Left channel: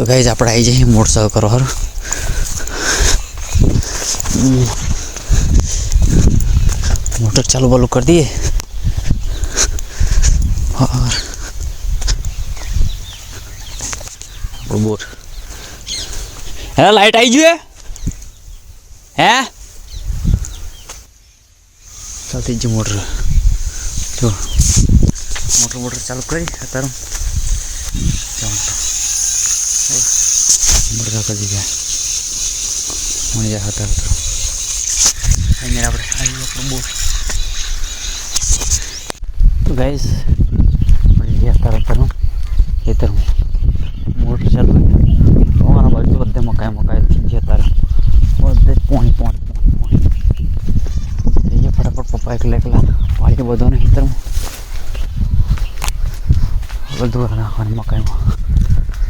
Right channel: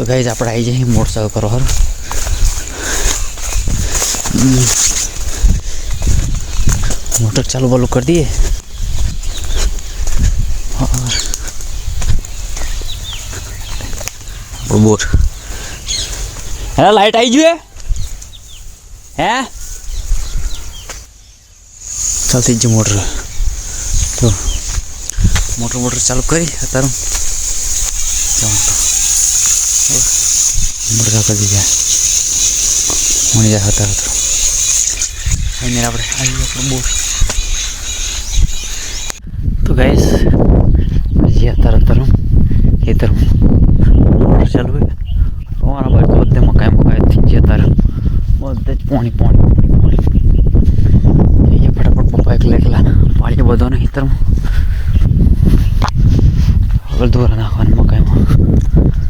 તો ગાઈઝ આપણે આવી જઈએ મોડ સર્વ કરો હર મોટર ચાલુ બાલુ કરી દઈએ. આપણું બોટ હા લાઇટ આવી ગયું હે? ચાલતી જ મોટર. તો મોટર મોટર ચાલુ કરી અત્યારે. ચાલુ કરી દીધા મળી જાય હતા હતો ફાઇનલ આપણે આવી આપણું બોર તો ગાઈસ હજી અત્યારે અત્યારે ખેતર ચાલુ હોય અમારા બાજુ બધે મકાઈ મકાઈ થઈ ગયા અત્યારે બધે જ પોણી પોણી જઈએ ફટાફટ પપ્પા એકલા એકલા વાળી બધો ને ખેતરમાં દૂર નાખવાની મકાઈમાં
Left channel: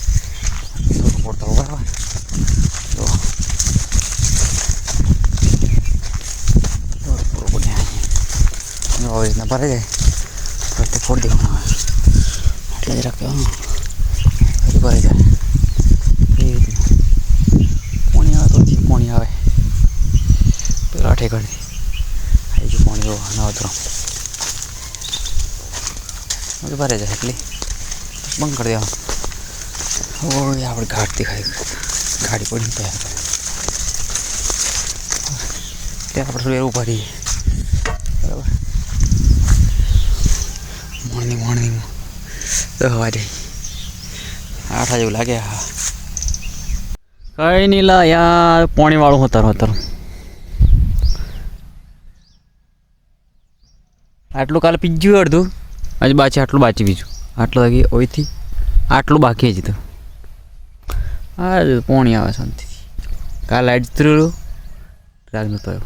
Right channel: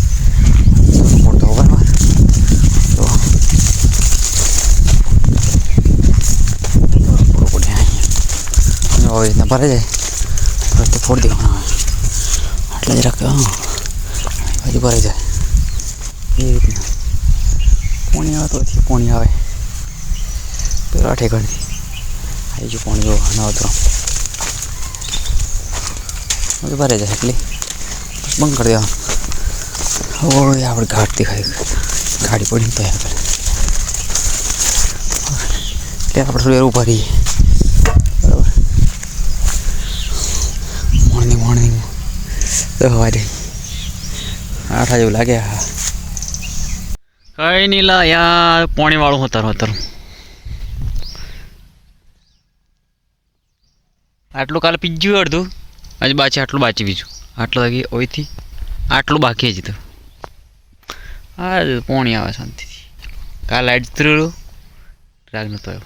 રીતના ભરાઈ જાય પછી તે ફોડી દેવાના હોય આટલા જરાક હા હજી ભરાઈ જાય એ રીતના પોણી આવે તો હજી પોણી આવે પેલા ઠેકાણી આવી ગયું પોણી જો ના તો હવે ભરાઈ જાય એટલે બંધ કરી દેવાનું ઓય આપણે ઘાટ દેખાય ગાડી પડી ત્યાં એટલે આપણે થોડી વાર ઊભા દસ વાગે આઠ જેવું લાગે, હા. કઈ નહીં લા, યાર પોણી વાળું હતા હતા આટલું કાલે પીજ્યું અડધું? આજે બાચી આટલું બાચી બીજું. આટલું લાગી ઓઈથી આટલું બાકી હજી તો. હા પોણી આવે શાંતિથી. કાલે લાઈટ જતું રહ્યું. રાગ નતો આવ્યો.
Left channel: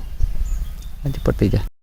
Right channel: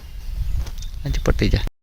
આજે પતી જાય.